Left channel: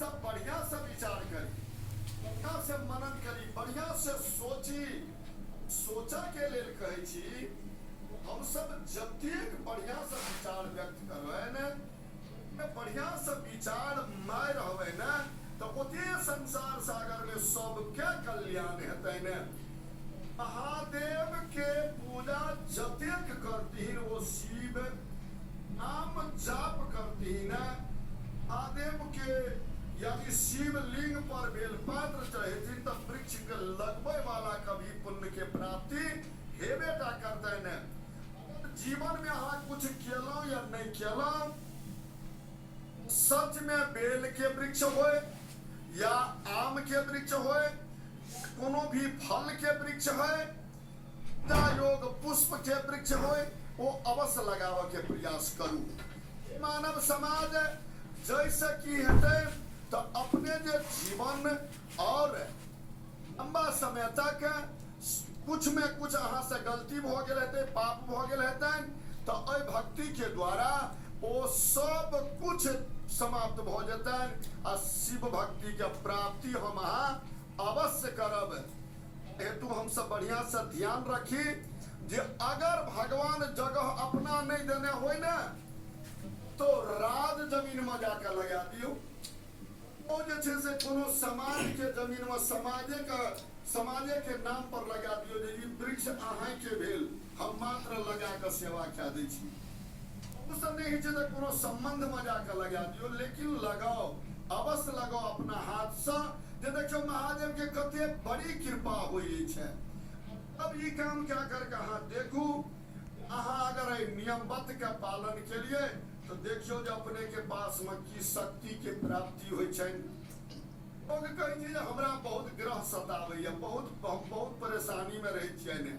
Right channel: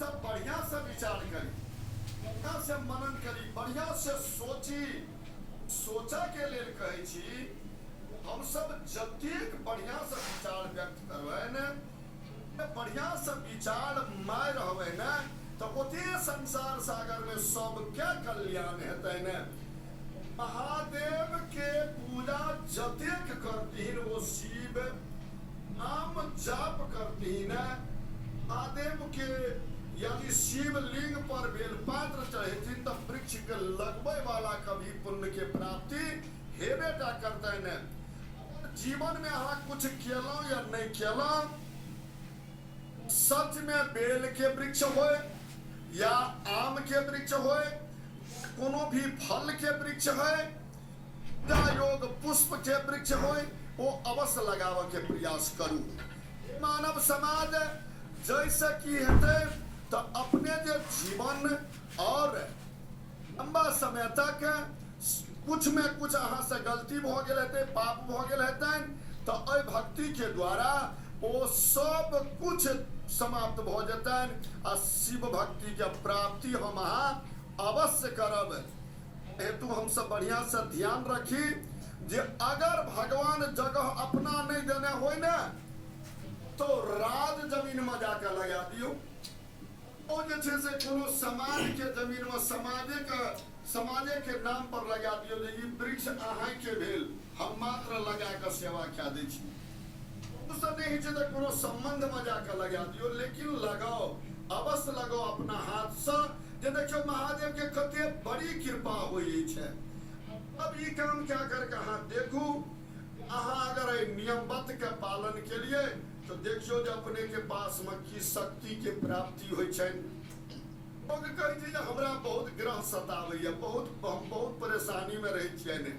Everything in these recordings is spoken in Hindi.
सब बढ़िया से विचार करी, बढ़िया से मनन करी, बढ़िया से सोची। सोचा के लेल कहै छी, हम सब जतेक बढ़िया से विचार व्यक्त करबै ने, बढ़िया से विचार मार रहबै ने, तो ओते संसार सागर में सबके कल्याण हेतै ने। महादेव के पूजा जतेक करतीन वो शिव नाम जाप करतीन, महादेव के यदि शिवलिंग पर बेलपत्र चढ़ेथिन तो वृक्ष के लगबे वाला कभी पुण्य के प्राप्ति हेबेटा करते ने। जीवन में अहाँ कुछ केलौं या नहीं केलौं, सच में बेल के वृक्ष होए या आम के वृक्ष होए, कोनो भी फल के वृक्ष है या योग पुष्प के वृक्ष होए, वो अवश्य लगाव के प्रयास करू। मानव समाज जैसे की हेतै तो अपने जो जीवन और लंबा समय तक कुछ में कुछ अहाँ से गलती भ गेल हेतै, पाप भ गेल हेतै, तो अय भक्ति के द्वारा वो सब कुछ समाप्त भ जेतैन आ शिव भक्ति के प्राप्ति हम अहाँ अवश्य करब। हेतु हम सब बढ़िया से ध्यान रखी जे अगर भगवान जगह अपना नहीं देने होय ना, तो राज जमीन में जाकर लगा दियो। ओ जे छै से कोनो समाज के जमीन में समाजे के नाम पर लगा दियो जे ई वृक्ष अहाँ के भेल, हम मात्र लगा के सेवा कए दै छी। उससे नहीं छै जे कोनो संबंध में जाकर लगा दियो, लेकिन लगाओ, अवश्य लगाओ अपना हाथ से। जे देखियो महादेव के कते बड़ी कृपा होई छै। अब ई काम क्या करके अहाँ देखू, अहाँ अगर नियमबद्ध के पालन के लिए तो देखियो जे अपने के पास में की शक्ति के प्राप्ति होय छै। लोग कहै छै जे हमरा बहुत ग्रह सतावैया, बहुत परेशानी में रहै छियै ने,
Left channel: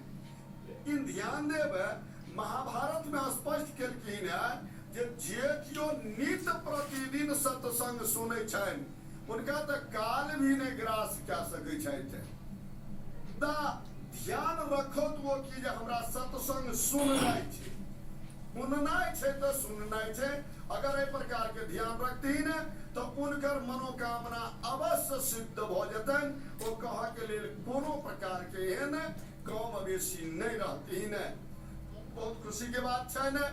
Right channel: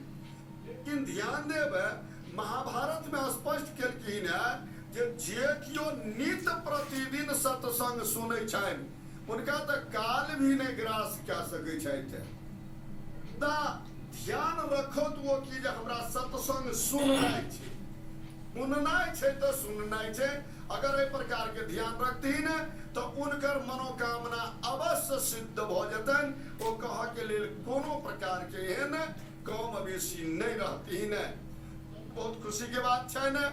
लेकिन ध्यान देबै महाभारत में स्पष्ट केलखिन है जे कियो नित्य प्रतिदिन सत्संग सुनै छनि उनका तो काल भी नहीं ग्रास कए सकै छथि। ध्यान रखो तो कि जे हमरा सत्संग सुननाइ छै, सुननाइ छै तो सुननाइ छै। अगर एहि प्रकार के ध्यान रखथिन तो उनकर मनोकामना अवश्य सिद्ध भ जेतन। ओ कह के लेल कोनो प्रकार के एहन कम बेसी नहीं रहतीन। बहुत खुशी के बात छै ने।